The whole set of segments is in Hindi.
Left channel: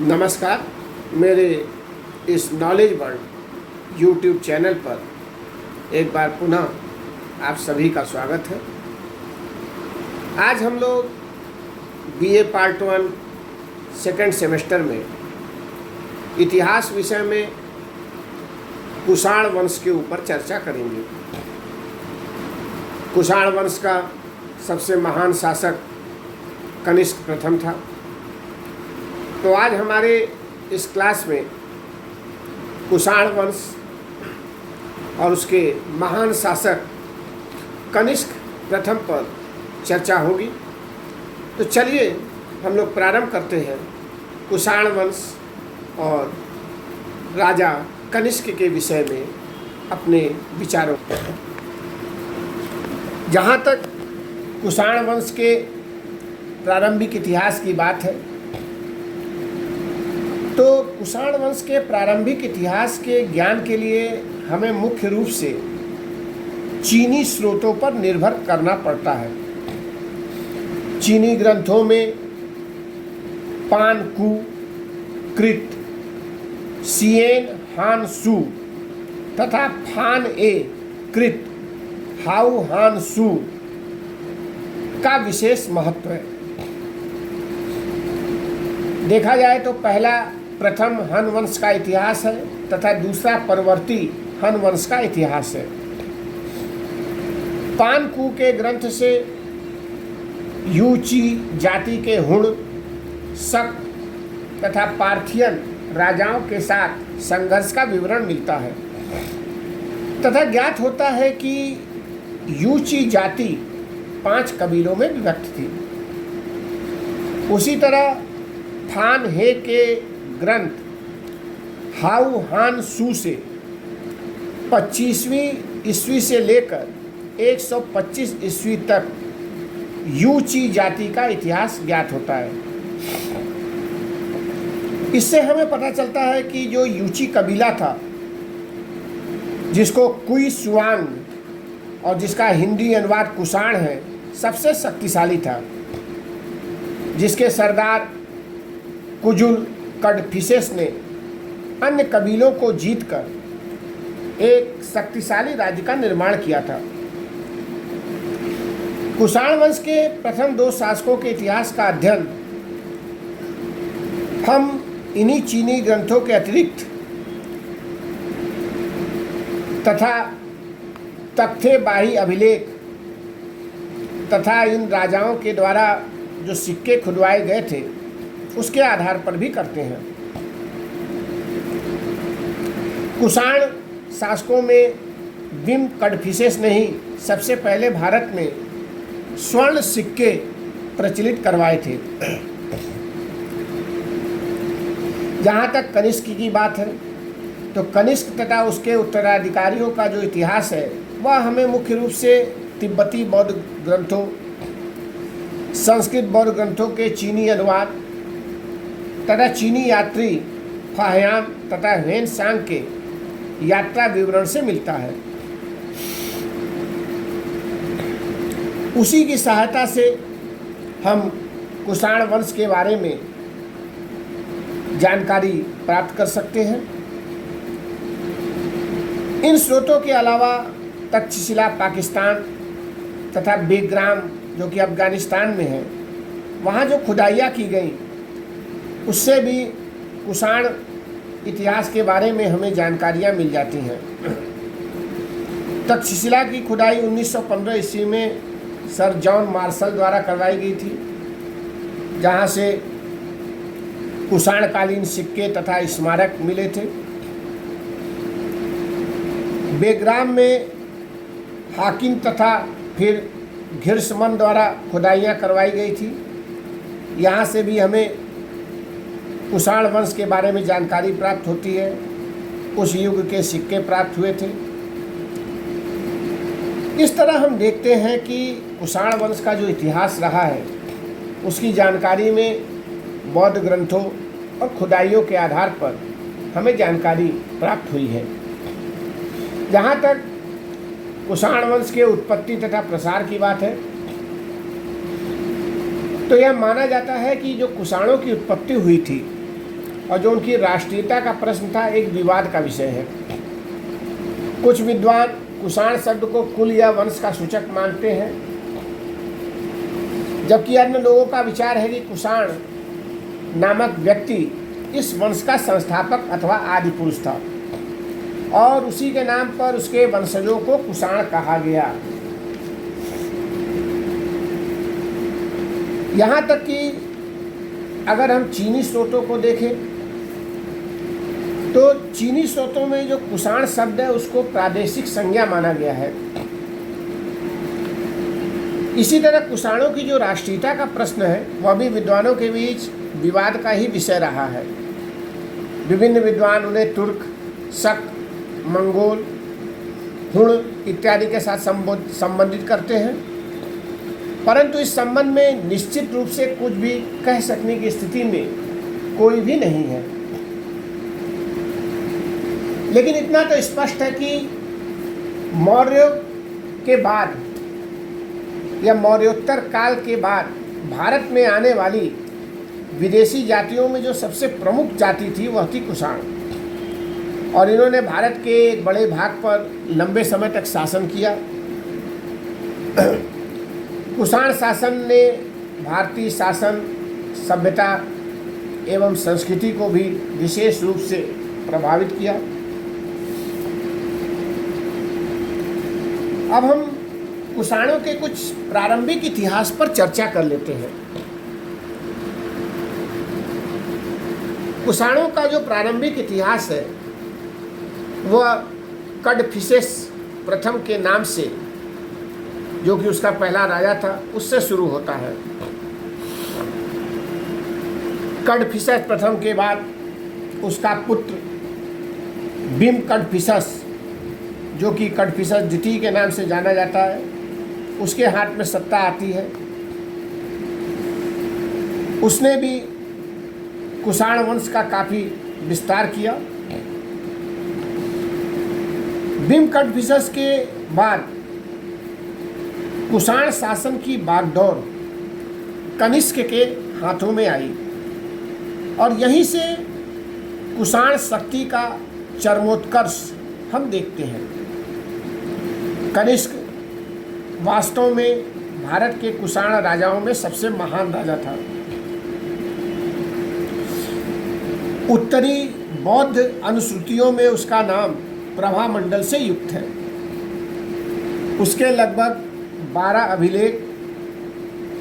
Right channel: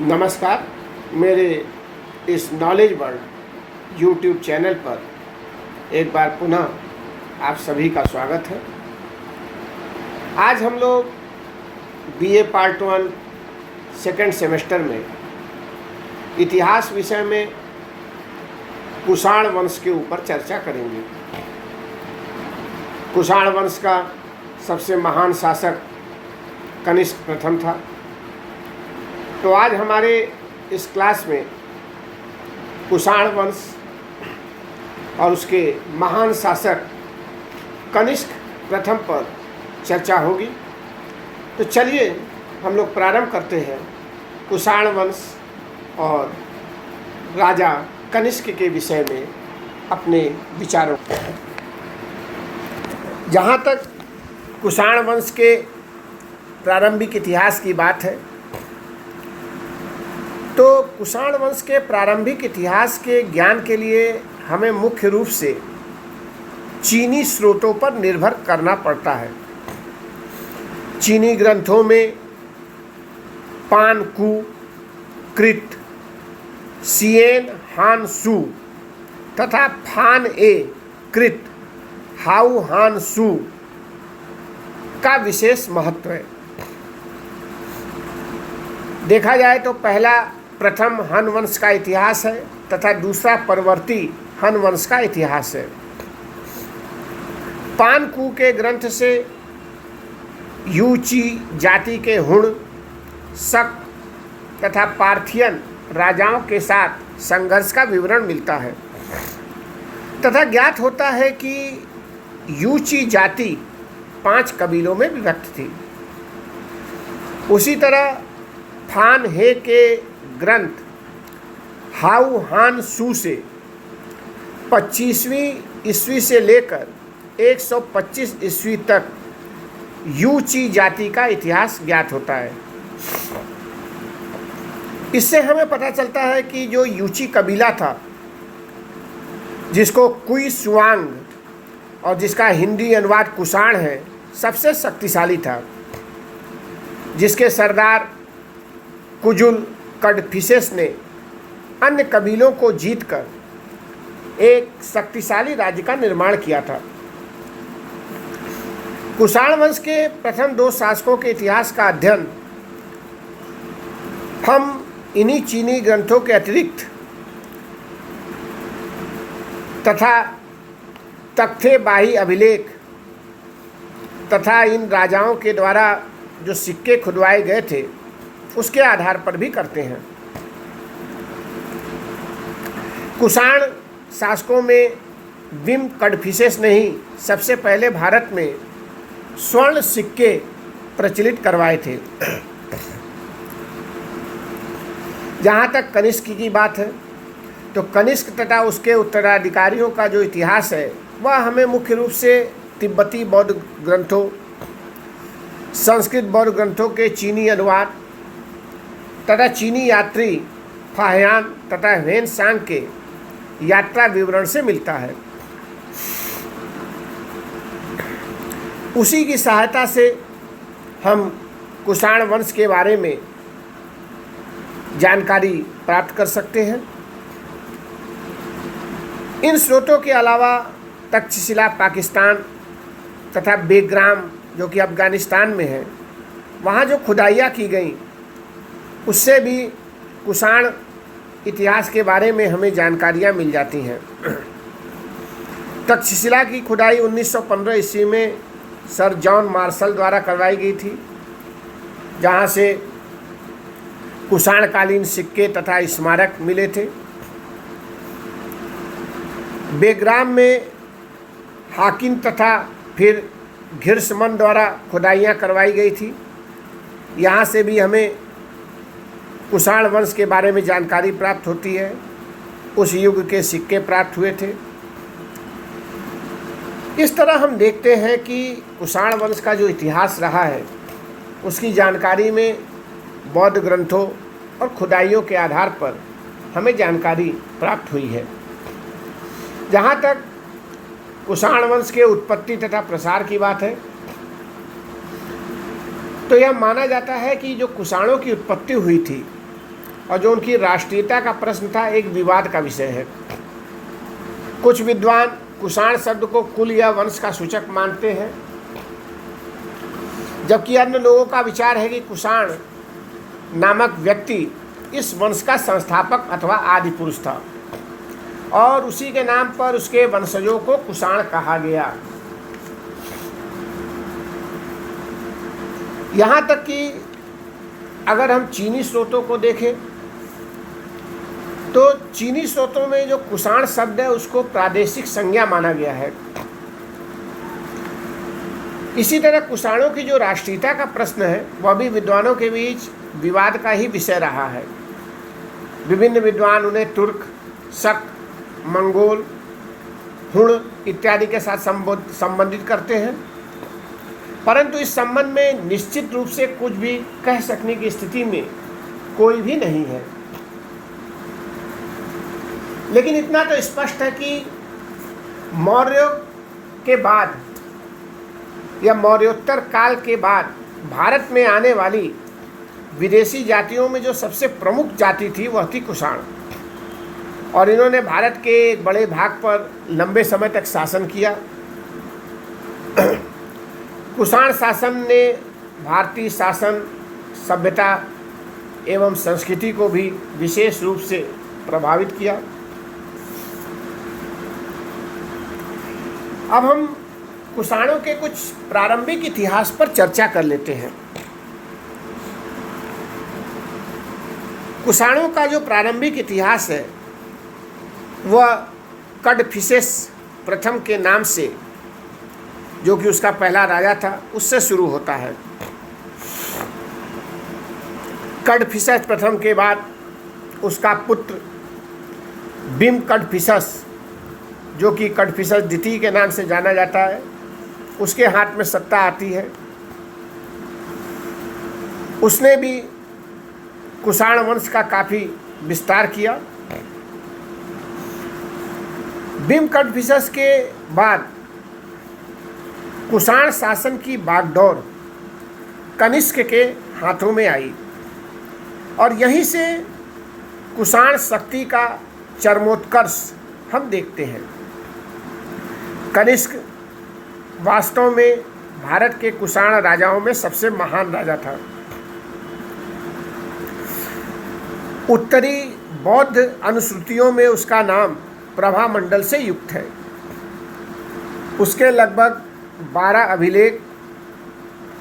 नमस्कार। मेरे इस नॉलेज वर्ल्ड यूट्यूब चैनल पर एक बार पुनः आप सभी का स्वागत है। आज हम लोग बीए पार्ट 1 सेकेंड सेमेस्टर में इतिहास विषय में कुषाण वंश के ऊपर चर्चा करेंगे। कुषाण वंश का सबसे महान शासक कनिष्क प्रथम था। तो आज हमारे इस क्लास में कुषाण वंश और उसके महान शासक कनिष्क प्रथम पर चर्चा होगी। तो चलिए हम लोग प्रारंभ करते हैं कुषाण वंश और राजा कनिष्क के विषय में अपने विचारों को। जहाँ तक कुषाण वंश के प्रारंभिक इतिहास की बात है तो कुषाण वंश के प्रारंभिक इतिहास के ज्ञान के लिए हमें मुख्य रूप से चीनी स्रोतों पर निर्भर करना पड़ता है। चीनी ग्रंथों में पान कु कृत, सिएन हान सु तथा फान ए कृत हाउ हान सु का विशेष महत्व है। देखा जाए तो पहला प्रथम हन वंश का इतिहास है तथा दूसरा परवर्ती हन वंश का इतिहास है। पान कु के ग्रंथ से यूची जाति के हुण, शक तथा पार्थियन राजाओं के साथ संघर्ष का विवरण मिलता है तथा ज्ञात होता है कि यूची जाति 5 कबीलों में विभक्त थी। उसी तरह फान हे के ग्रंथ हाउ हान सु से 25वीं ईस्वी से लेकर 125 ईस्वी तक यूची जाति का इतिहास ज्ञात होता है। इससे हमें पता चलता है कि जो यूची कबीला था, जिसको कुई सुआंग और जिसका हिंदी अनुवाद कुषाण है, सबसे शक्तिशाली था, जिसके सरदार कुजुल कडफिसेस ने अन्य कबीलों को जीतकर एक शक्तिशाली राज्य का निर्माण किया था। कुषाण वंश के प्रथम 2 शासकों के इतिहास का अध्ययन हम इन्हीं चीनी ग्रंथों के अतिरिक्त तथा तख्ते बाही अभिलेख तथा इन राजाओं के द्वारा जो सिक्के खुदवाए गए थे उसके आधार पर भी करते हैं। कुषाण शासकों में विम कडफिसेस ने ही सबसे पहले भारत में स्वर्ण सिक्के प्रचलित करवाए थे। जहाँ तक कनिष्क की बात है तो कनिष्क तथा उसके उत्तराधिकारियों का जो इतिहास है वह हमें मुख्य रूप से तिब्बती बौद्ध ग्रंथों, संस्कृत बौद्ध ग्रंथों के चीनी अनुवाद तथा चीनी यात्री फाह्यान तथा हेन सांग के यात्रा विवरण से मिलता है। उसी की सहायता से हम कुषाण वंश के बारे में जानकारी प्राप्त कर सकते हैं। इन स्रोतों के अलावा तक्षशिला पाकिस्तान तथा बेग्राम जो कि अफगानिस्तान में है, वहाँ जो खुदाइयाँ की गई उससे भी कुषाण इतिहास के बारे में हमें जानकारियाँ मिल जाती हैं। तक्षशिला की खुदाई 1915 ईस्वी में सर जॉन मार्शल द्वारा करवाई गई थी, जहाँ से कुषाणकालीन सिक्के तथा स्मारक मिले थे। बेग्राम में हाकिम तथा फिर घिर्समन द्वारा खुदाइयाँ करवाई गई थी। यहाँ से भी हमें कुषाण वंश के बारे में जानकारी प्राप्त होती है। उस युग के सिक्के प्राप्त हुए थे। इस तरह हम देखते हैं कि कुषाण वंश का जो इतिहास रहा है उसकी जानकारी में बौद्ध ग्रंथों और खुदाइयों के आधार पर हमें जानकारी प्राप्त हुई है। जहाँ तक कुषाण वंश के उत्पत्ति तथा प्रसार की बात है तो यह माना जाता है कि जो कुषाणों की उत्पत्ति हुई थी और जो उनकी राष्ट्रीयता का प्रश्न था एक विवाद का विषय है। कुछ विद्वान कुषाण शब्द को कुल या वंश का सूचक मानते हैं, जबकि अन्य लोगों का विचार है कि कुषाण नामक व्यक्ति इस वंश का संस्थापक अथवा आदि पुरुष था और उसी के नाम पर उसके वंशजों को कुषाण कहा गया। यहाँ तक कि अगर हम चीनी स्रोतों को देखें तो चीनी स्रोतों में जो कुषाण शब्द है उसको प्रादेशिक संज्ञा माना गया है। इसी तरह कुषाणों की जो राष्ट्रीयता का प्रश्न है वह भी विद्वानों के बीच विवाद का ही विषय रहा है। विभिन्न विद्वान उन्हें तुर्क, शक, मंगोल, हुण इत्यादि के साथ संबंधित करते हैं, परंतु इस संबंध में निश्चित रूप से कुछ भी कह सकने की स्थिति में कोई भी नहीं है। लेकिन इतना तो स्पष्ट है कि मौर्यों के बाद या मौर्योत्तर काल के बाद भारत में आने वाली विदेशी जातियों में जो सबसे प्रमुख जाति थी वह थी कुषाण, और इन्होंने भारत के एक बड़े भाग पर लंबे समय तक शासन किया। कुषाण शासन ने भारतीय शासन, सभ्यता एवं संस्कृति को भी विशेष रूप से प्रभावित किया। अब हम कुषाणों के कुछ प्रारंभिक इतिहास पर चर्चा कर लेते हैं। कुषाणों का जो प्रारंभिक इतिहास है वह कड़फिसेस प्रथम के नाम से, जो कि उसका पहला राजा था, उससे शुरू होता है। कड़फिसेस प्रथम के बाद उसका पुत्र बिम कड़फिसेस, जो कि कड़फिसेस द्वितीय के नाम से जाना जाता है, उसके हाथ में सत्ता आती है। उसने भी कुषाण वंश का काफ़ी विस्तार किया। बिम कड़फिसेस के बाद कुषाण शासन की बागडोर कनिष्क के हाथों में आई और यहीं से कुषाण शक्ति का चरमोत्कर्ष हम देखते हैं। कनिष्क वास्तव में भारत के कुषाण राजाओं में सबसे महान राजा था। उत्तरी बौद्ध अनुश्रुतियों में उसका नाम प्रभामंडल से युक्त है। उसके लगभग 12 अभिलेख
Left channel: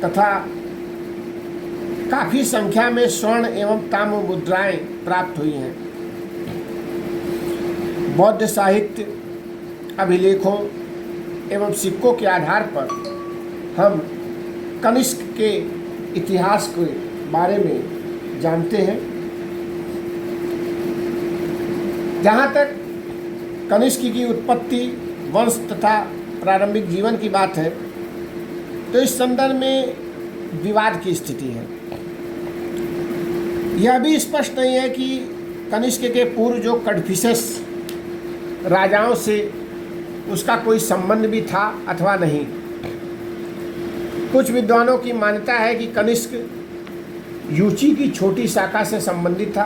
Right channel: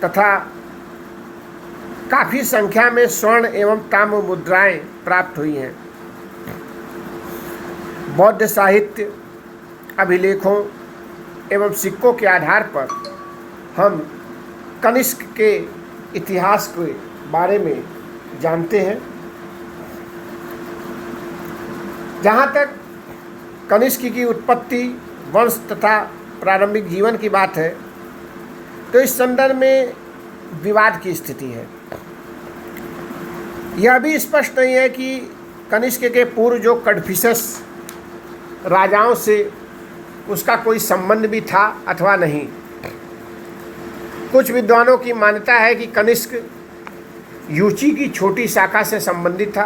तथा काफ़ी संख्या में स्वर्ण एवं ताम्र मुद्राएं प्राप्त हुई हैं। बौद्ध साहित्य, अभिलेखों एवं सिक्कों के आधार पर हम कनिष्क के इतिहास के बारे में जानते हैं। जहाँ तक कनिष्क की उत्पत्ति, वंश तथा प्रारंभिक जीवन की बात है तो इस संदर्भ में विवाद की स्थिति है। यह भी स्पष्ट नहीं है कि कनिष्क के पूर्व जो कड़फिसेस राजाओं से उसका कोई संबंध भी था अथवा नहीं। कुछ विद्वानों की मान्यता है कि कनिष्क यूची की छोटी शाखा से संबंधित था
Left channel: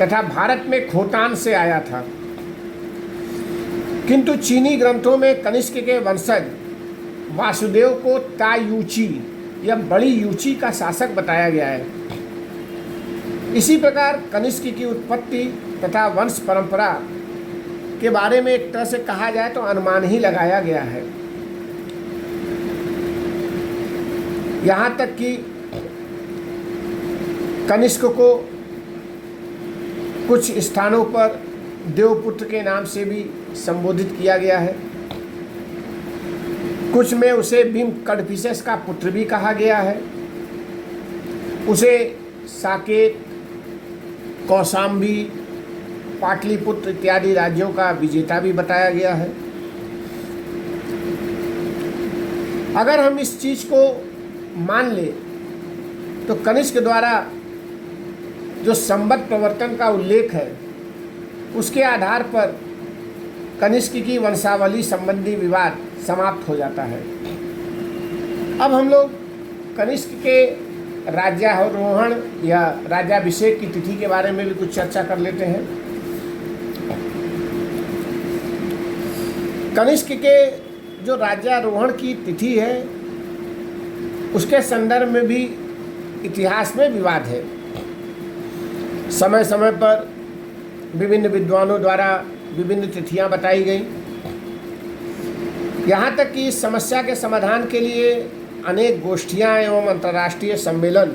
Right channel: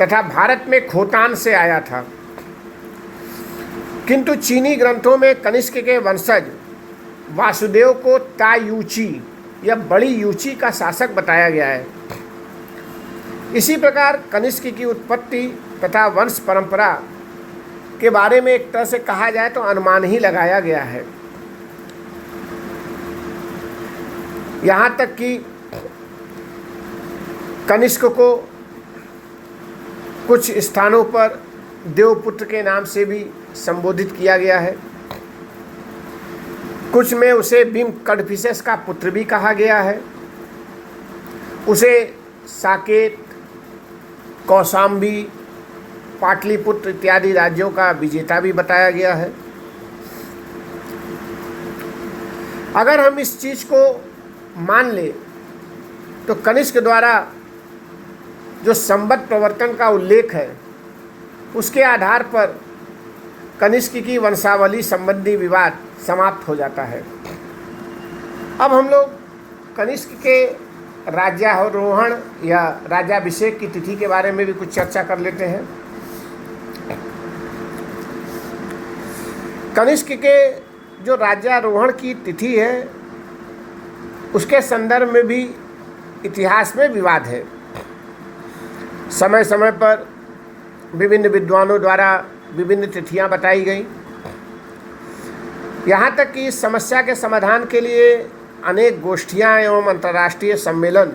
तथा भारत में खोतान से आया था, किंतु चीनी ग्रंथों में कनिष्क के वंशज वासुदेव को तायूची या बड़ी यूची का शासक बताया गया है। इसी प्रकार कनिष्क की उत्पत्ति तथा वंश परंपरा के बारे में एक तरह से कहा जाए तो अनुमान ही लगाया गया है। यहाँ तक कि कनिष्क को कुछ स्थानों पर देवपुत्र के नाम से भी संबोधित किया गया है। कुछ में उसे बिम कड़फिसेस का पुत्र भी कहा गया है। उसे साकेत, कौशाम्बी, पाटलिपुत्र इत्यादि राज्यों का विजेता भी बताया गया है। अगर हम इस चीज़ को मान ले तो कनिष्क द्वारा जो संवत प्रवर्तन का उल्लेख है उसके आधार पर कनिष्क की वंशावली संबंधी विवाद समाप्त हो जाता है। अब हम लोग कनिष्क के राज्यारोहण या राज्याभिषेक की तिथि के बारे में भी कुछ चर्चा कर लेते हैं। कनिष्क के जो राज्यारोहण की तिथि है उसके संदर्भ में भी इतिहास में विवाद है। समय समय पर विभिन्न विद्वानों द्वारा विभिन्न तिथियां बताई गई। यहाँ तक कि इस समस्या के समाधान के लिए अनेक गोष्ठियाँ एवं अंतर्राष्ट्रीय सम्मेलन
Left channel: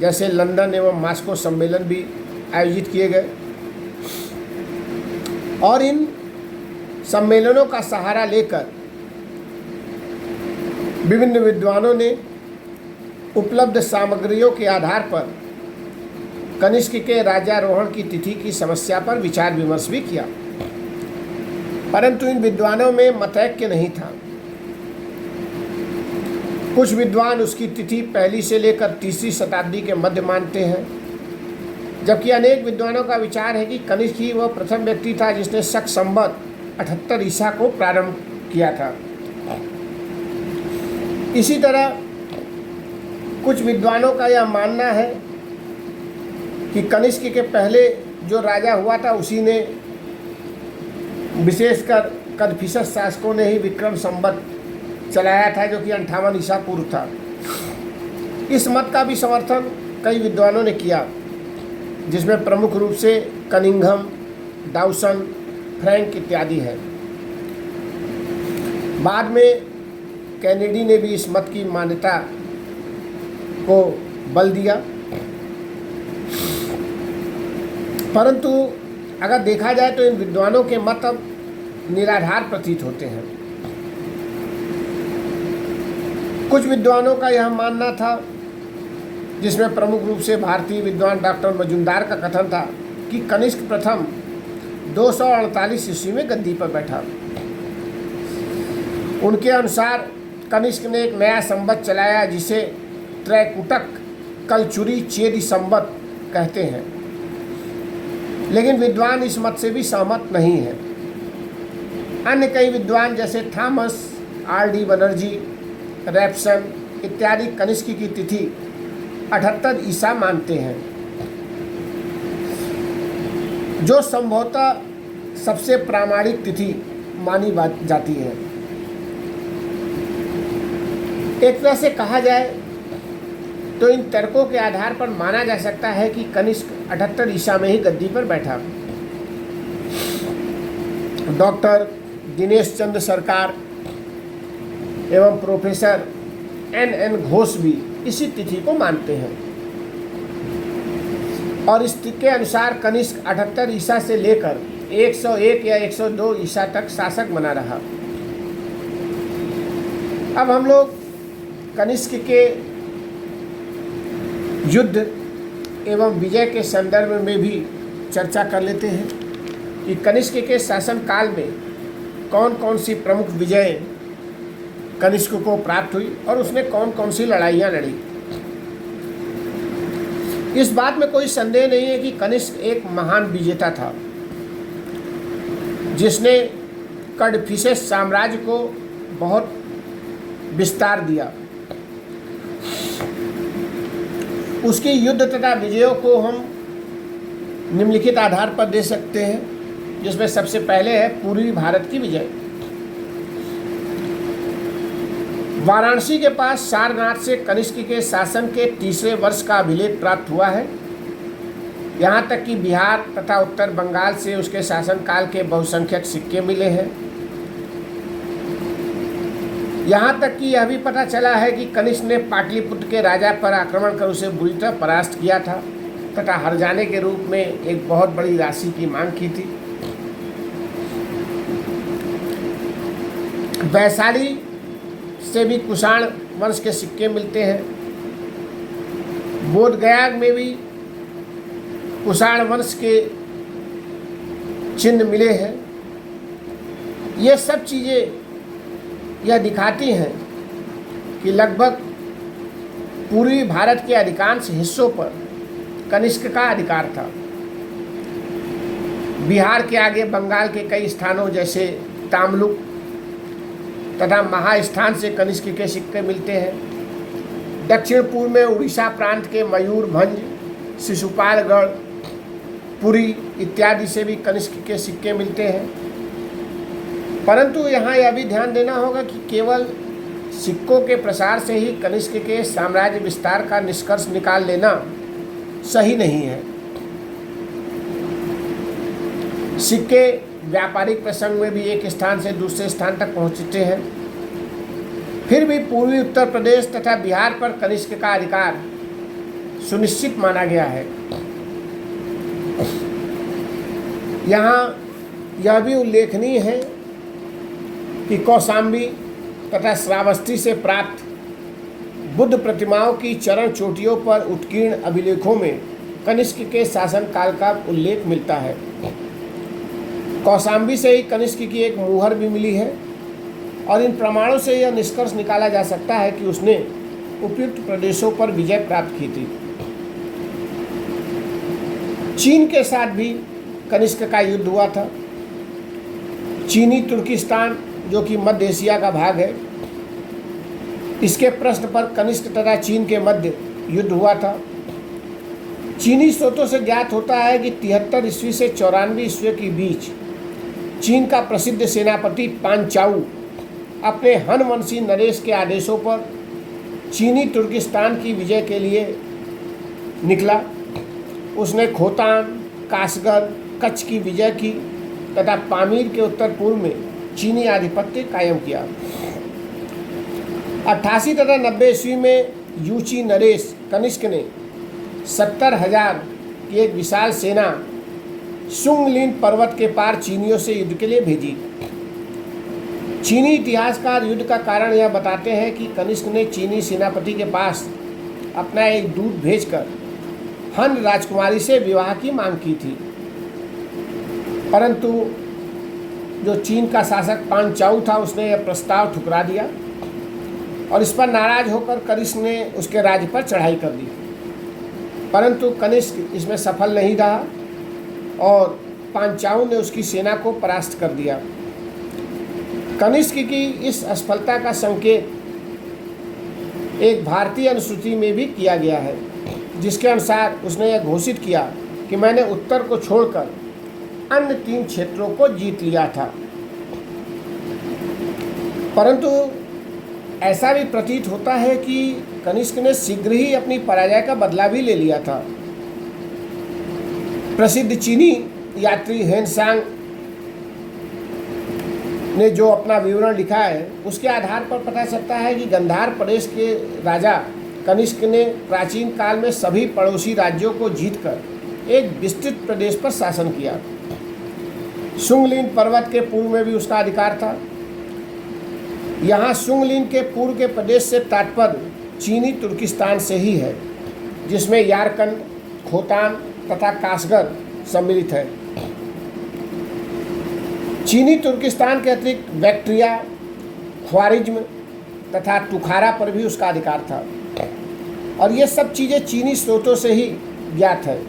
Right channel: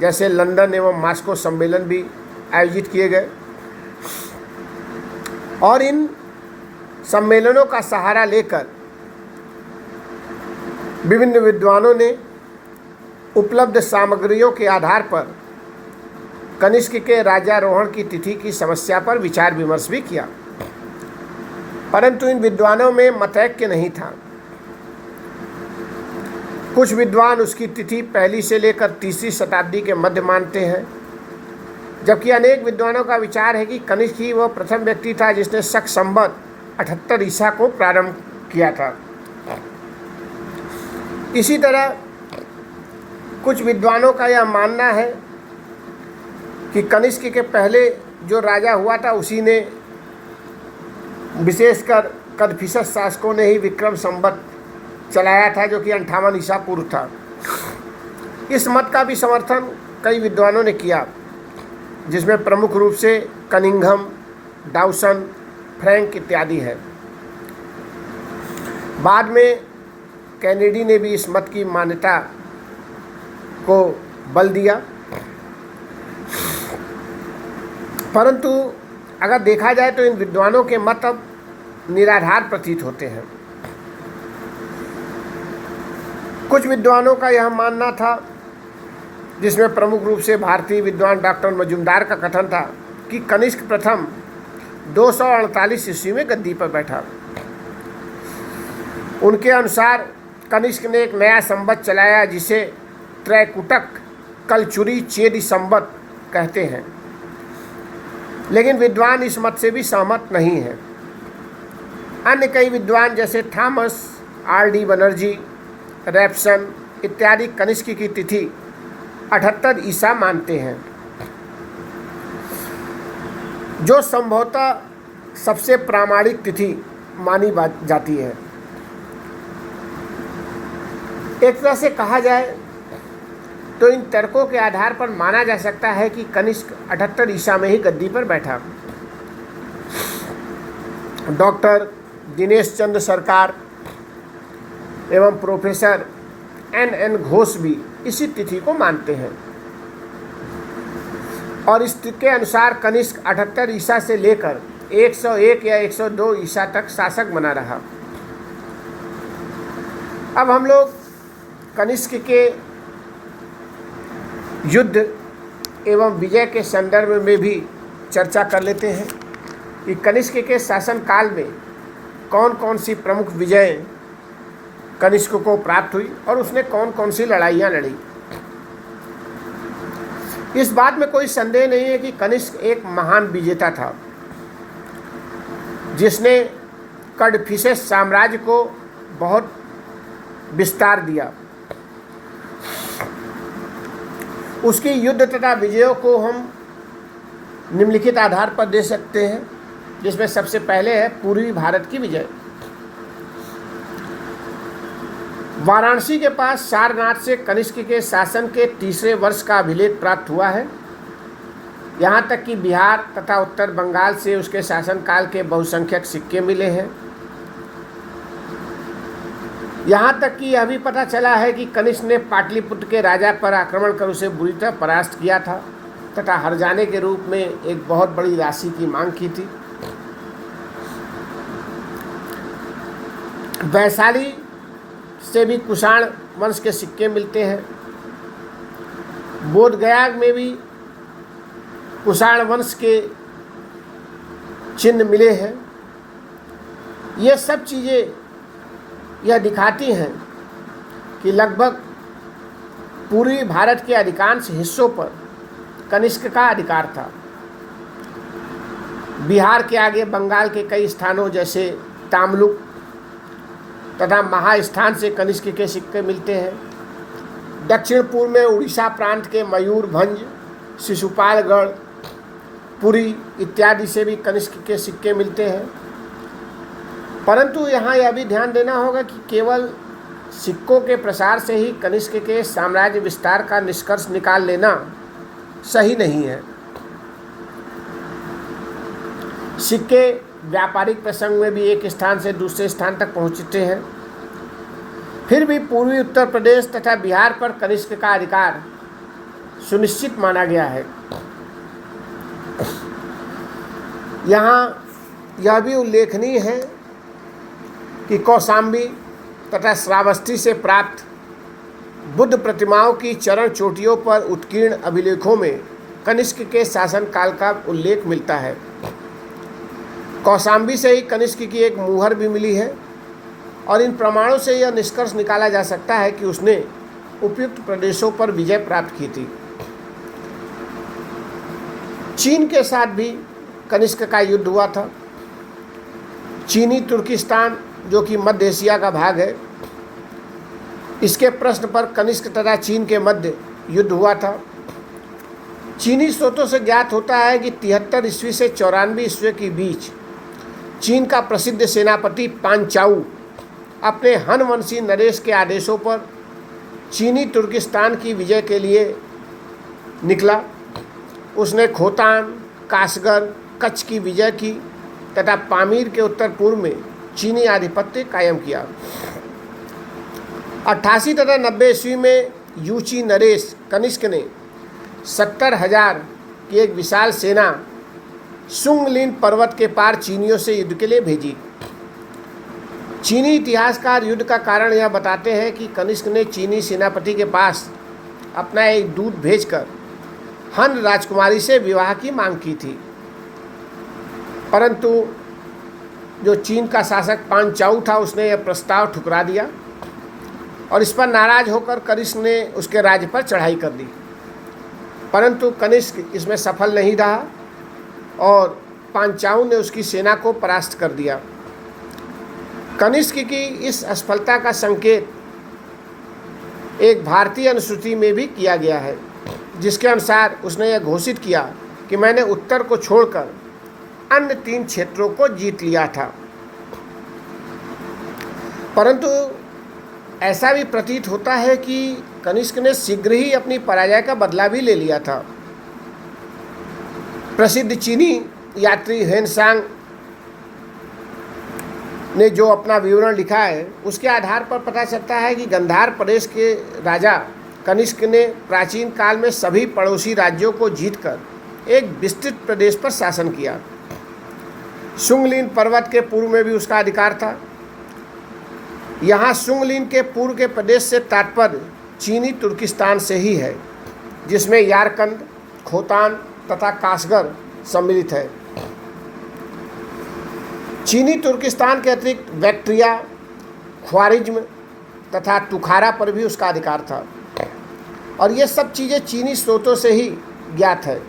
जैसे लंदन एवं मॉस्को सम्मेलन भी आयोजित किए गए और इन सम्मेलनों का सहारा लेकर विभिन्न विद्वानों ने उपलब्ध सामग्रियों के आधार पर कनिष्क के राज्यारोहण की तिथि की समस्या पर विचार विमर्श भी किया, परंतु इन विद्वानों में मतैक्य नहीं था। कुछ विद्वान उसकी तिथि पहली से लेकर तीसरी शताब्दी के मध्य मानते हैं, जबकि अनेक विद्वानों का विचार है कि कनिष्क ही वह प्रथम व्यक्ति था जिसने शक संवत 78 ईसा को प्रारंभ किया था। इसी तरह कुछ विद्वानों का यह मानना है कि कनिष्क के पहले जो राजा हुआ था उसी ने, विशेषकर कदफिसस शासकों ने ही विक्रम संवत चलाया था जो कि 58 ईसा पूर्व था। इस मत का भी समर्थन कई विद्वानों ने किया, जिसमें प्रमुख रूप से कनिंघम, डाउसन, फ्रैंक इत्यादि है। बाद में कैनेडी ने भी इस मत की मान्यता को बल दिया, परंतु अगर देखा जाए तो इन विद्वानों के मत अब निराधार प्रतीत होते हैं। कुछ विद्वानों का यह मानना था, जिसमें प्रमुख रूप से भारतीय विद्वान डॉक्टर मजुमदार का कथन था कि कनिष्क प्रथम 248 ईस्वी में गद्दी पर बैठा। उनके अनुसार कनिष्क ने एक नया संवत चलाया जिसे त्रैकुटक कलचुरी चेदी संवत कहते हैं, लेकिन विद्वान इस मत से भी सहमत नहीं है। अन्य कई विद्वान जैसे थॉमस R.D. बनर्जी, रैप्सन इत्यादि कनिष्क की तिथि 78 ईसा मानते हैं, जो संभवतः सबसे प्रामाणिक तिथि मानी जाती है। एक तरह से कहा जाए तो इन तर्कों के आधार पर माना जा सकता है कि कनिष्क 78 ईसा में ही गद्दी पर बैठा। डॉक्टर दिनेश चंद्र सरकार एवं प्रोफेसर N.N. घोष भी इसी तिथि को मानते हैं और इस के अनुसार कनिष्क 78 ईसा से लेकर 101 या 102 ईसा तक शासक बना रहा। अब हम लोग कनिष्क के युद्ध एवं विजय के संदर्भ में भी चर्चा कर लेते हैं कि कनिष्क के शासन काल में कौन कौन सी प्रमुख विजय कनिष्क को प्राप्त हुई और उसने कौन कौन सी लड़ाइयाँ लड़ी। इस बात में कोई संदेह नहीं है कि कनिष्क एक महान विजेता था, जिसने कदफिसस साम्राज्य को बहुत विस्तार दिया। उसकी युद्ध तथा विजयों को हम निम्नलिखित आधार पर दे सकते हैं, जिसमें सबसे पहले है पूर्वी भारत की विजय। वाराणसी के पास सारनाथ से कनिष्क के शासन के तीसरे वर्ष का अभिलेख प्राप्त हुआ है। यहाँ तक कि बिहार तथा उत्तर बंगाल से उसके शासनकाल के बहुसंख्यक सिक्के मिले हैं। यहाँ तक कि यह भी पता चला है कि कनिष्क ने पाटलिपुत्र के राजा पर आक्रमण कर उसे बुरी तरह परास्त किया था तथा हर्जाने के रूप में एक बहुत बड़ी राशि की मांग की थी। वैशाली से भी कुषाण वंश के सिक्के मिलते हैं। बोधगया में भी कुषाण वंश के चिन्ह मिले हैं। ये सब चीज़ें यह दिखाती हैं कि लगभग पूर्वी भारत के अधिकांश हिस्सों पर कनिष्क का अधिकार था। बिहार के आगे बंगाल के कई स्थानों जैसे तामलुक तथा महास्थान से कनिष्क के सिक्के मिलते हैं। दक्षिण पूर्व में उड़ीसा प्रांत के मयूरभंज, शिशुपालगढ़, पुरी इत्यादि से भी कनिष्क के सिक्के मिलते हैं। परंतु यहाँ यह भी ध्यान देना होगा कि केवल सिक्कों के प्रसार से ही कनिष्क के साम्राज्य विस्तार का निष्कर्ष निकाल लेना सही नहीं है। सिक्के व्यापारिक प्रसंग में भी एक स्थान से दूसरे स्थान तक पहुँचते हैं। फिर भी पूर्वी उत्तर प्रदेश तथा बिहार पर कनिष्क का अधिकार सुनिश्चित माना गया है। यहाँ यह भी उल्लेखनीय है कि कौशाम्बी तथा श्रावस्ती से प्राप्त बुद्ध प्रतिमाओं की चरण चोटियों पर उत्कीर्ण अभिलेखों में कनिष्क के शासनकाल का उल्लेख मिलता है। कौशाम्बी से ही कनिष्क की एक मुहर भी मिली है और इन प्रमाणों से यह निष्कर्ष निकाला जा सकता है कि उसने उपयुक्त प्रदेशों पर विजय प्राप्त की थी। चीन के साथ भी कनिष्क का युद्ध हुआ था। चीनी तुर्किस्तान, जो कि मध्य एशिया का भाग है, इसके प्रश्न पर कनिष्क तथा चीन के मध्य युद्ध हुआ था। चीनी स्रोतों से ज्ञात होता है कि 73 ईस्वी से 94 ईस्वी के बीच चीन का प्रसिद्ध सेनापति पांचाऊ अपने हन वंशी नरेश के आदेशों पर चीनी तुर्किस्तान की विजय के लिए निकला। उसने खोतान, कासगढ़, कच्छ की विजय की तथा पामीर के उत्तर पूर्व में चीनी आधिपत्य कायम किया। 88 तथा 90 ईस्वी में यूची नरेश कनिष्क ने 70,000 की एक विशाल सेना सुंगलिन पर्वत के पार चीनियों से युद्ध के लिए भेजी। चीनी इतिहासकार युद्ध का कारण यह बताते हैं कि कनिष्क ने चीनी सेनापति के पास अपना एक दूत भेजकर हन राजकुमारी से विवाह की मांग की थी, परंतु जो चीन का शासक पांचाऊ था उसने यह प्रस्ताव ठुकरा दिया और इस पर नाराज होकर कनिष्क ने उसके राज्य पर चढ़ाई कर दी। परंतु कनिष्क इसमें सफल नहीं रहा और पांचाऊ ने उसकी सेना को परास्त कर दिया। कनिष्क की इस असफलता का संकेत एक भारतीय अनुश्रुति में भी किया गया है, जिसके अनुसार उसने यह घोषित किया कि मैंने उत्तर को छोड़कर अन्य 3 क्षेत्रों को जीत लिया था। परंतु ऐसा भी प्रतीत होता है कि कनिष्क ने शीघ्र ही अपनी पराजय का बदला भी ले लिया था। प्रसिद्ध चीनी यात्री हेनसांग ने जो अपना विवरण लिखा है उसके आधार पर पता चलता है कि गांधार प्रदेश के राजा कनिष्क ने प्राचीन काल में सभी पड़ोसी राज्यों को जीतकर एक विस्तृत प्रदेश पर शासन किया। सुंगलिन पर्वत के पूर्व में भी उसका अधिकार था। यहाँ सुंगलिन के पूर्व के प्रदेश से तात्पर्य चीनी तुर्किस्तान से ही है, जिसमें यारकंद, खोतान तथा कासगढ़ सम्मिलित है। चीनी तुर्किस्तान के अतिरिक्त बैक्ट्रिया, ख्वारिज्म तथा तुखारा पर भी उसका अधिकार था और ये सब चीज़ें चीनी स्रोतों से ही ज्ञात है।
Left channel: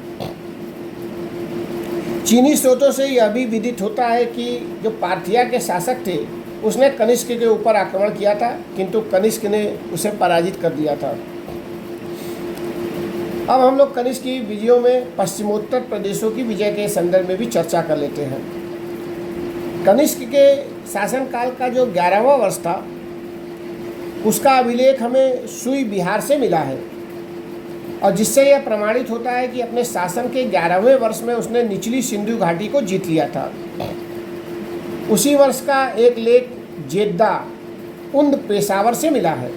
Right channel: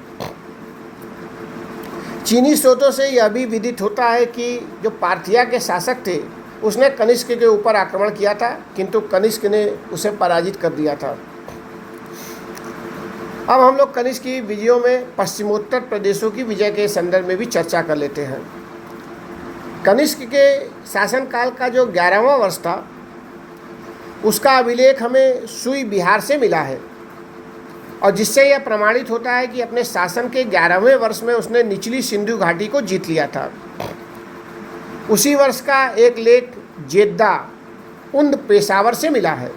चीनी स्रोतों से यह भी विदित होता है कि जो पार्थिया के शासक थे उसने कनिष्क के ऊपर आक्रमण किया था, किंतु कनिष्क ने उसे पराजित कर दिया था। अब हम लोग कनिष्क की विजयों में पश्चिमोत्तर प्रदेशों की विजय के संदर्भ में भी चर्चा कर लेते हैं। कनिष्क के शासनकाल का जो 11वां वर्ष था उसका अभिलेख हमें सुई बिहार से मिला है और जिससे यह प्रमाणित होता है कि अपने शासन के 11वें वर्ष में उसने निचली सिंधु घाटी को जीत लिया था। उसी वर्ष का एक लेख जेद्दा उंद पेशावर से मिला है,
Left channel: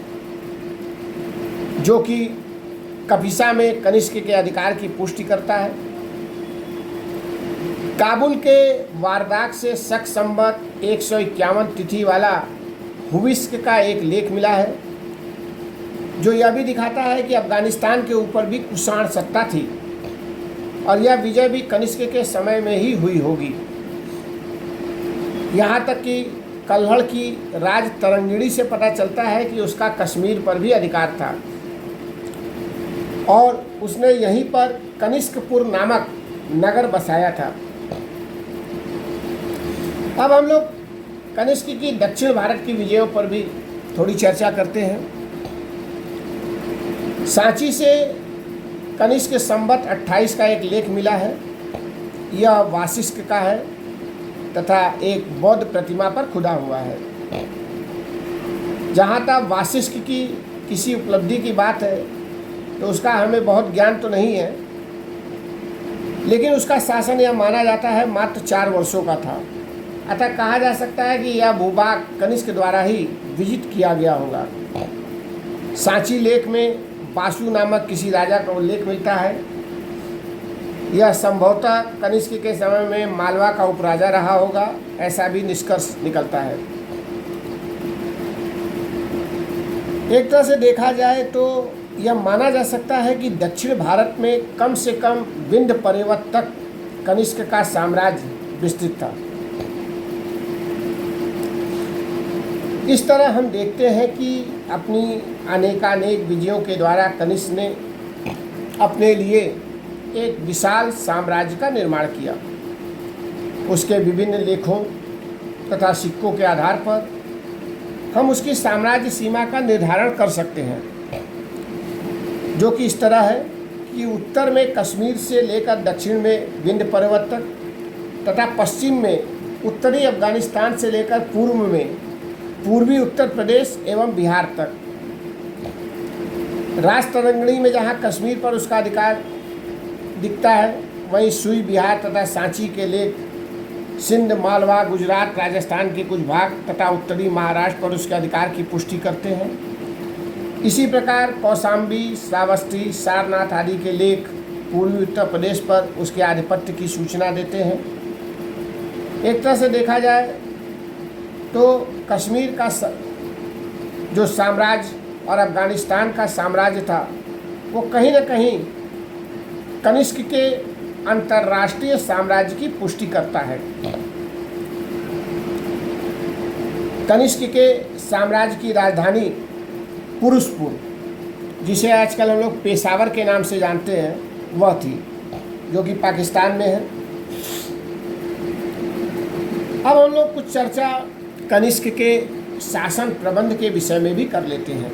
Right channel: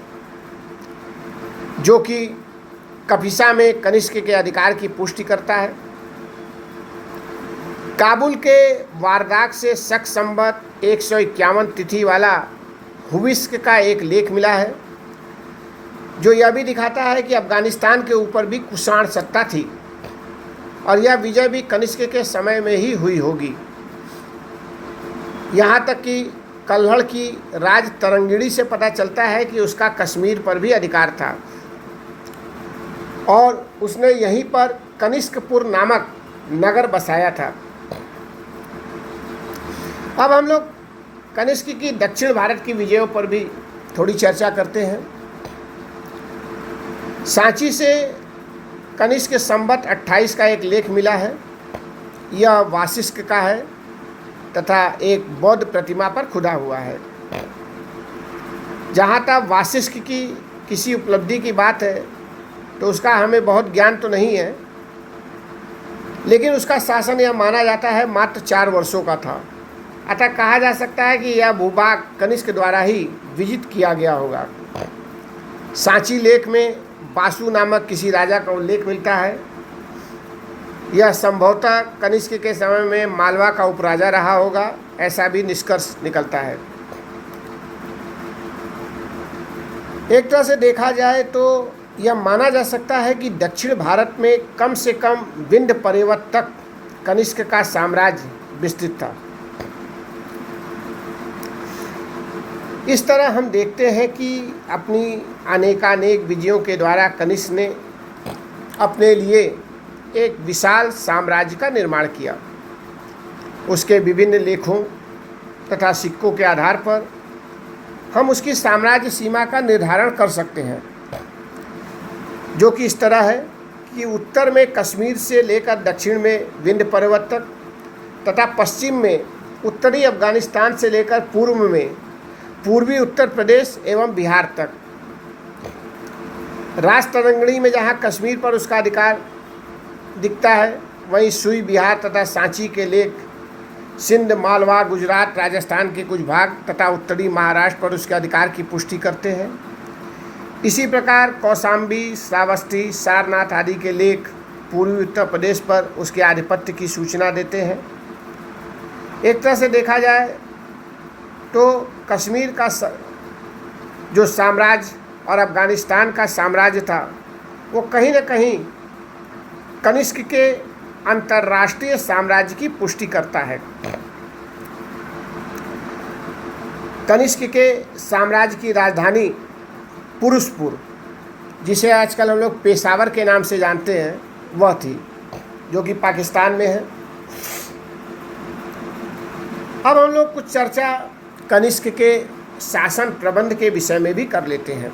जो कि कपिसा में कनिष्क के अधिकार की पुष्टि करता है। काबुल के वारदाक से शक संवत 151 तिथि वाला हुविस्क का एक लेख मिला है, जो यह भी दिखाता है कि अफगानिस्तान के ऊपर भी कुषाण सत्ता थी और यह विजय भी कनिष्क के समय में ही हुई होगी। यहाँ तक कि कल्हड़ की राज तरंगिणी से पता चलता है कि उसका कश्मीर पर भी अधिकार था और उसने यहीं पर कनिष्कपुर नामक नगर बसाया था। अब हम लोग कनिष्क की दक्षिण भारत की विजयों पर भी थोड़ी चर्चा करते हैं। सांची से कनिष्क के संवत 28 का एक लेख मिला है। यह वासिष्ठ का है तथा एक बौद्ध प्रतिमा पर खुदा हुआ है। जहाँ तक वासिष्ठ की किसी उपलब्धि की बात है तो उसका हमें बहुत ज्ञान तो नहीं है, लेकिन उसका शासन यह माना जाता है मात्र 4 वर्षों का था। अतः कहा जा सकता है कि यह भूभाग कनिष्क द्वारा ही विजित किया गया होगा। सांची लेख में बासु नामक किसी राजा का उल्लेख मिलता है। यह संभवतः कनिष्क के समय में मालवा का उपराजा रहा होगा, ऐसा भी निष्कर्ष निकलता है। एक तरह से देखा जाए तो यह माना जा सकता है कि दक्षिण भारत में कम से कम विंध्य पर्वत तक कनिष्क का साम्राज्य विस्तृत था। इस तरह हम देखते हैं कि अपनी अनेकानेक विजयों के द्वारा कनिष्क ने अपने लिए एक विशाल साम्राज्य का निर्माण किया। उसके विभिन्न लेखों तथा सिक्कों के आधार पर हम उसकी साम्राज्य सीमा का निर्धारण कर सकते हैं, जो कि इस तरह है कि उत्तर में कश्मीर से लेकर दक्षिण में विंध्य पर्वत तक तथा पश्चिम में उत्तरी अफगानिस्तान से लेकर पूर्व में पूर्वी उत्तर प्रदेश एवं बिहार तक। राजतरंगिणी में जहाँ कश्मीर पर उसका अधिकार दिखता है, वहीं सुई बिहार तथा सांची के लेख सिंध, मालवा, गुजरात, राजस्थान के कुछ भाग तथा उत्तरी महाराष्ट्र पर उसके अधिकार की पुष्टि करते हैं। इसी प्रकार कौशाम्बी, श्रावस्ती, सारनाथ आदि के लेख पूर्वी उत्तर प्रदेश पर उसके आधिपत्य की सूचना देते हैं। एक तरह से देखा जाए तो कश्मीर का जो साम्राज्य और अफगानिस्तान का साम्राज्य था, वो कहीं न कहीं कनिष्क के अंतर्राष्ट्रीय साम्राज्य की पुष्टि करता है। कनिष्क के साम्राज्य की राजधानी पुरुषपुर, जिसे आजकल हम लोग पेशावर के नाम से जानते हैं, वह थी, जो कि पाकिस्तान में है। अब हम लोग कुछ चर्चा कनिष्क के शासन प्रबंध के विषय में भी कर लेते हैं।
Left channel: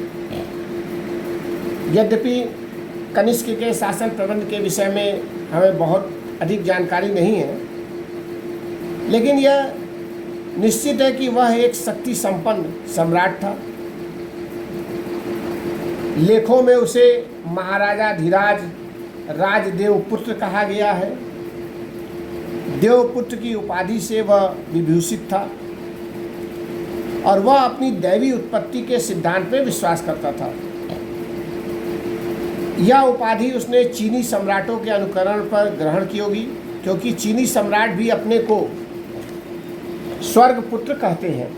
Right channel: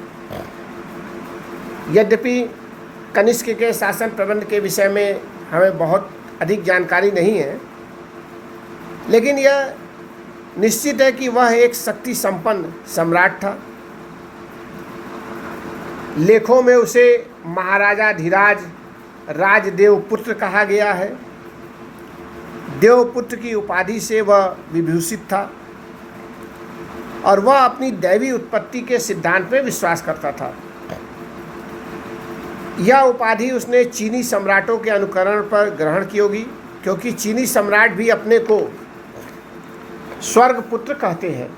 यद्यपि कनिष्क के शासन प्रबंध के विषय में हमें बहुत अधिक जानकारी नहीं है, लेकिन यह निश्चित है कि वह एक शक्ति संपन्न सम्राट था। लेखों में उसे महाराजा धीराज राजदेवपुत्र कहा गया है। देवपुत्र की उपाधि से वह विभूषित था और वह अपनी दैवी उत्पत्ति के सिद्धांत में विश्वास करता था। यह उपाधि उसने चीनी सम्राटों के अनुकरण पर ग्रहण की होगी, क्योंकि चीनी सम्राट भी अपने को स्वर्गपुत्र कहते हैं।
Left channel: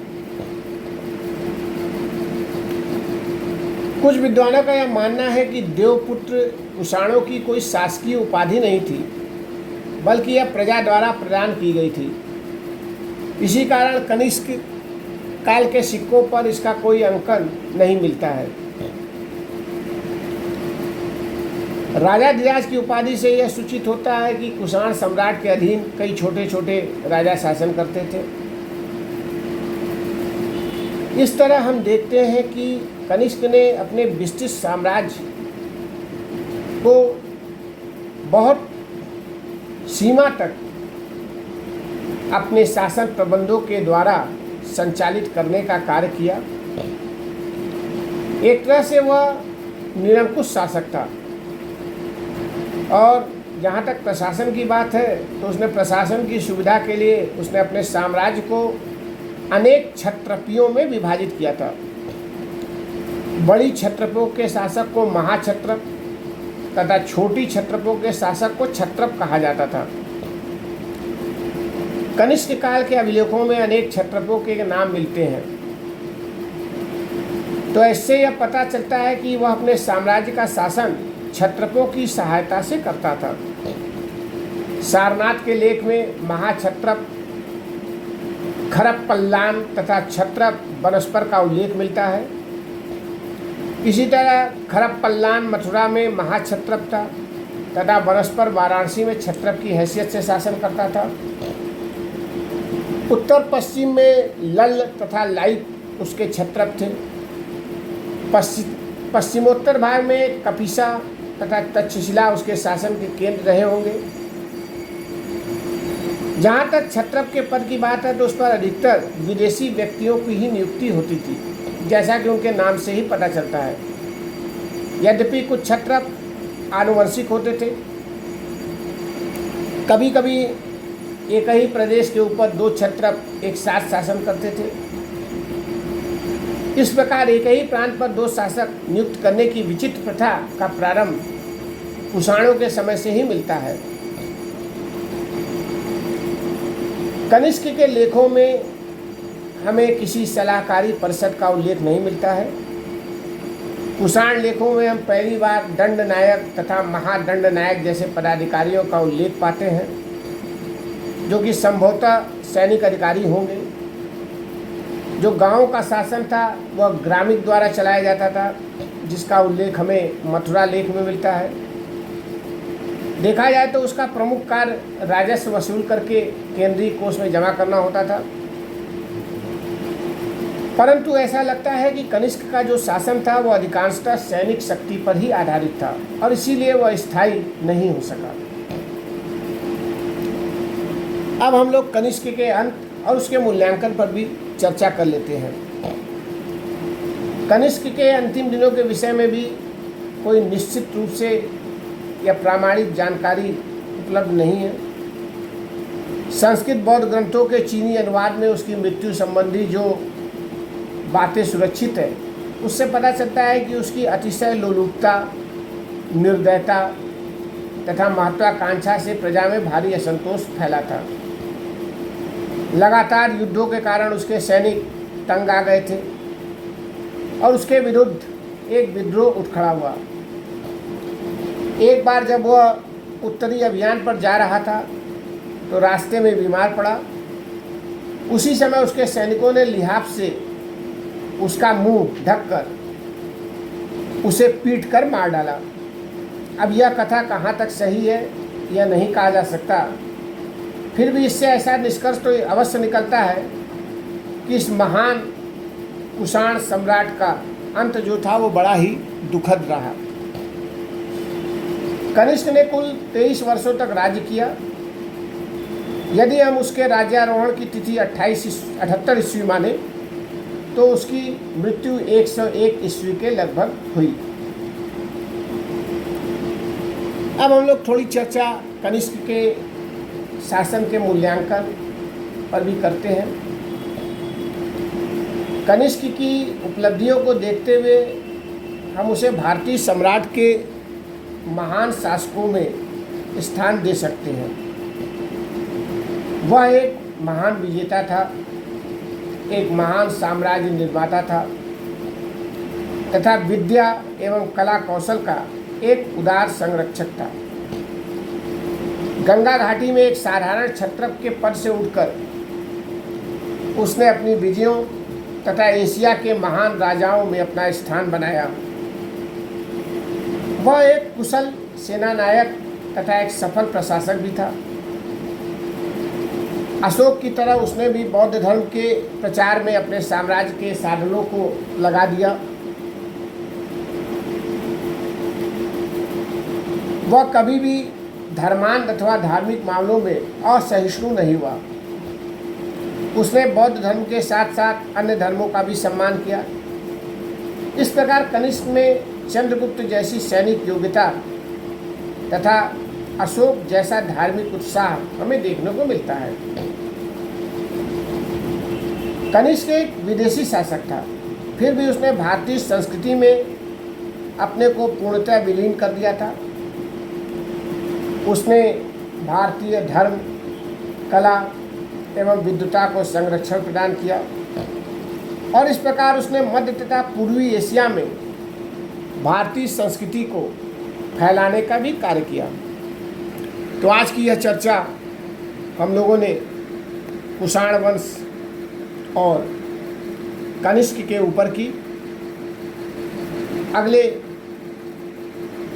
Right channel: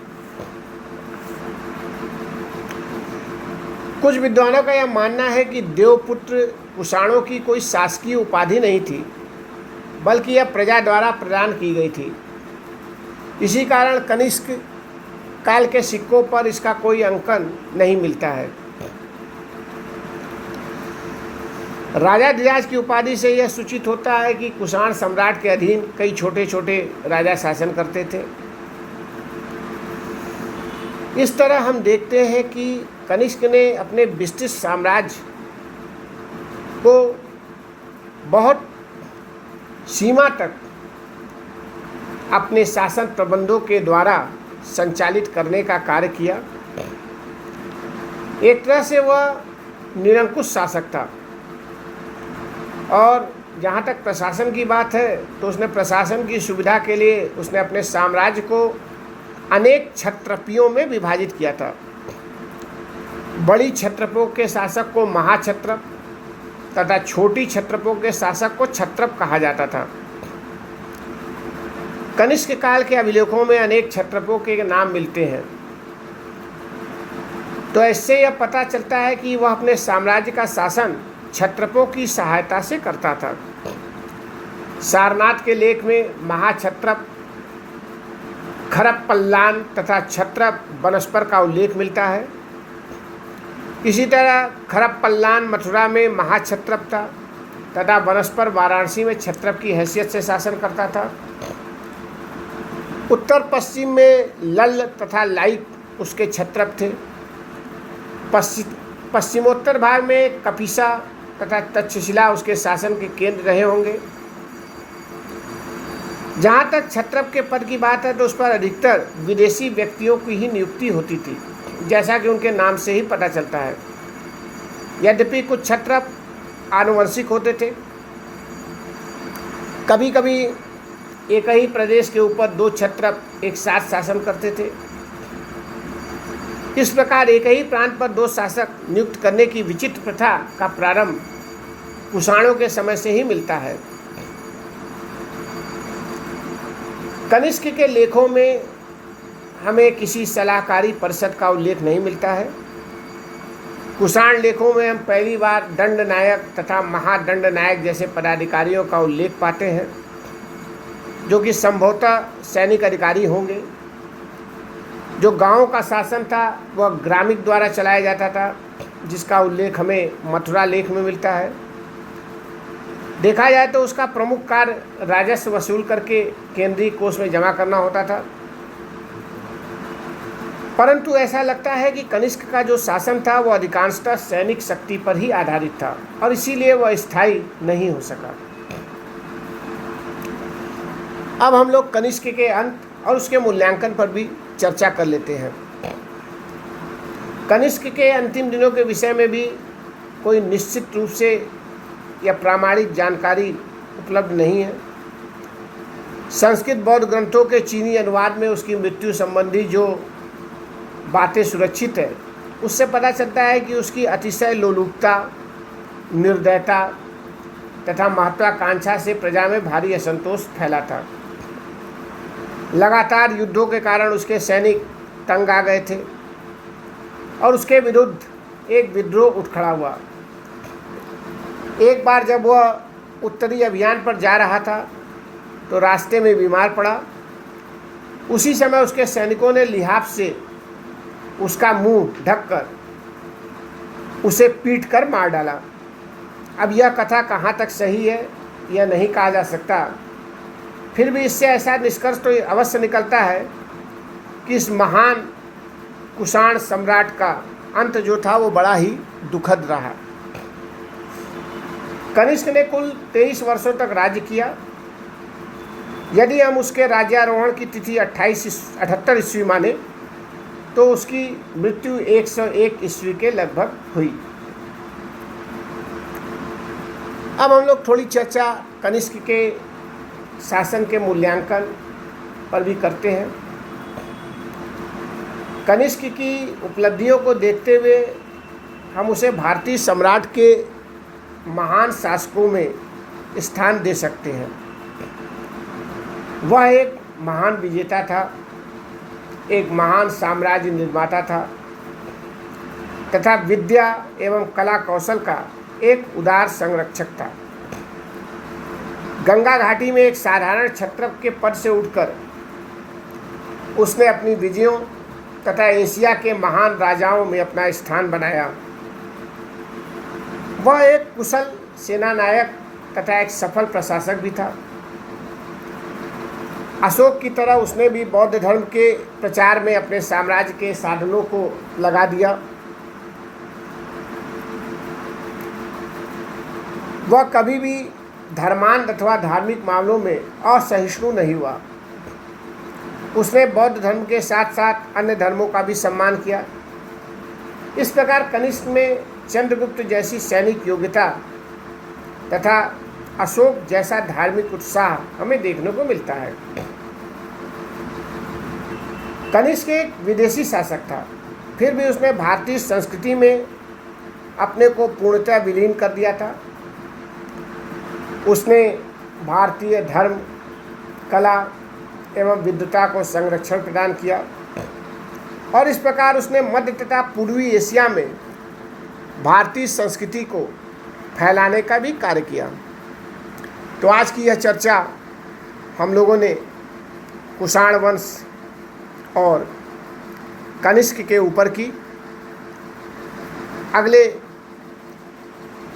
कुछ विद्वानों का यह मानना है कि देवपुत्र कुषाणों की कोई शासकीय उपाधि नहीं थी, बल्कि यह प्रजा द्वारा प्रदान की गई थी। इसी कारण कनिष्क काल के सिक्कों पर इसका कोई अंकन नहीं मिलता है। राजा धीराज की उपाधि से यह सूचित होता है कि कुषाण सम्राट के अधीन कई छोटे छोटे राजा शासन करते थे। इस तरह हम देखते हैं कि कनिष्क ने अपने विस्तृत साम्राज्य को बहुत सीमा तक अपने शासन प्रबंधों के द्वारा संचालित करने का कार्य किया। एक तरह से वह निरंकुश शासक था। और जहाँ तक प्रशासन की बात है तो उसने प्रशासन की सुविधा के लिए उसने अपने साम्राज्य को अनेक क्षत्रपियों में विभाजित किया था। बड़ी क्षत्रपों के शासक को महाक्षत्रप तथा छोटी क्षत्रपों के शासक को क्षत्रप कहा जाता था। कनिष्क काल के अभिलेखों में अनेक क्षत्रपों के नाम मिलते हैं, तो इससे यह पता चलता है कि वह अपने साम्राज्य का शासन क्षत्रपों की सहायता से करता था। सारनाथ के लेख में महाक्षत्रप, खरप्पल्लान तथा क्षत्रप बनस्पर का उल्लेख मिलता है। इसी तरह खरप्पल्लान मथुरा में महाक्षत्रप था तथा बनस्पर वाराणसी में क्षत्रप की हैसियत से शासन करता था। उत्तर पश्चिम में लल्ल तथा लाइक उसके क्षत्रप थे। पश्चिमोत्तर भाग में कपिसा तथा तक्षशिला उसके शासन के केंद्र रहे होंगे। जहाँ तक क्षत्रप के पद की बात है तो उस पर अधिकतर विदेशी व्यक्तियों की ही नियुक्ति होती थी, जैसा कि उनके नाम से ही पता चलता है। यद्यपि कुछ क्षत्रप आनुवंशिक होते थे, कभी कभी एक ही प्रदेश के ऊपर 2 क्षत्रप एक साथ शासन करते थे। इस प्रकार एक ही प्रांत पर 2 शासक नियुक्त करने की विचित्र प्रथा का प्रारंभ कुषाणों के समय से ही मिलता है। कनिष्क के लेखों में हमें किसी सलाहकारी परिषद का उल्लेख नहीं मिलता है। कुषाण लेखों में हम पहली बार दंड नायक तथा महादंड नायक जैसे पदाधिकारियों का उल्लेख पाते हैं, जो कि संभवतः सैनिक अधिकारी होंगे। जो गांव का शासन था वह ग्रामिक द्वारा चलाया जाता था, जिसका उल्लेख हमें मथुरा लेख में मिलता है। देखा जाए तो उसका प्रमुख कार्य राजस्व वसूल करके केंद्रीय कोष में जमा करना होता था। परंतु ऐसा लगता है कि कनिष्क का जो शासन था वह अधिकांशतः सैनिक शक्ति पर ही आधारित था और इसीलिए वह स्थायी नहीं हो सका। अब हम लोग कनिष्क के अंत और उसके मूल्यांकन पर भी चर्चा कर लेते हैं। कनिष्क के अंतिम दिनों के विषय में भी कोई निश्चित रूप से या प्रामाणिक जानकारी उपलब्ध नहीं है। संस्कृत बौद्ध ग्रंथों के चीनी अनुवाद में उसकी मृत्यु संबंधी जो बातें सुरक्षित है, उससे पता चलता है कि उसकी अतिशय लोलुपता, निर्दयता तथा महत्वाकांक्षा से प्रजा में भारी असंतोष फैला था। लगातार युद्धों के कारण उसके सैनिक तंग आ गए थे और उसके विरुद्ध एक विद्रोह उठ खड़ा हुआ। एक बार जब वह उत्तरी अभियान पर जा रहा था तो रास्ते में बीमार पड़ा। उसी समय उसके सैनिकों ने लिहाफ से उसका मुंह ढककर उसे पीट कर मार डाला। अब यह कथा कहाँ तक सही है यह नहीं कहा जा सकता, फिर भी इससे ऐसा निष्कर्ष तो अवश्य निकलता है कि इस महान कुषाण सम्राट का अंत जो था वो बड़ा ही दुखद रहा। कनिष्क ने कुल 23 वर्षों तक राज्य किया। यदि हम उसके राज्यारोहण की तिथि 78 ईस्वी माने तो उसकी मृत्यु 101 ईस्वी के लगभग हुई। अब हम लोग थोड़ी चर्चा कनिष्क के शासन के मूल्यांकन पर भी करते हैं। कनिष्क की उपलब्धियों को देखते हुए हम उसे भारतीय सम्राट के महान शासकों में स्थान दे सकते हैं। वह एक महान विजेता था, एक महान साम्राज्य निर्माता था तथा विद्या एवं कला कौशल का एक उदार संरक्षक था। गंगा घाटी में एक साधारण क्षत्रप के पद से उठकर उसने अपनी विजयों तथा एशिया के महान राजाओं में अपना स्थान बनाया। वह एक कुशल सेना नायक तथा एक सफल प्रशासक भी था। अशोक की तरह उसने भी बौद्ध धर्म के प्रचार में अपने साम्राज्य के साधनों को लगा दिया। वह कभी भी धर्मांध अथवा धार्मिक मामलों में असहिष्णु नहीं हुआ। उसने बौद्ध धर्म के साथ साथ अन्य धर्मों का भी सम्मान किया। इस प्रकार कनिष्क में चंद्रगुप्त जैसी सैनिक योग्यता तथा अशोक जैसा धार्मिक उत्साह हमें देखने को मिलता है। कनिष्क एक विदेशी शासक था, फिर भी उसने भारतीय संस्कृति में अपने को पूर्णतः विलीन कर दिया था। उसने भारतीय धर्म, कला एवं विद्वता को संरक्षण प्रदान किया और इस प्रकार उसने मध्य तथा पूर्वी एशिया में भारतीय संस्कृति को फैलाने का भी कार्य किया। तो आज की यह चर्चा हम लोगों ने कुषाण वंश और कनिष्क के ऊपर की। अगले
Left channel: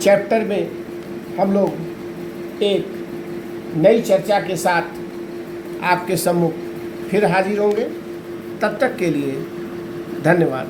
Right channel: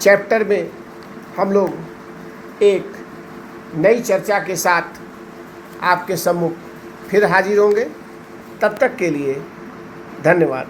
चैप्टर में हम लोग एक नई चर्चा के साथ आपके सम्मुख फिर हाजिर होंगे। तब तक के लिए धन्यवाद।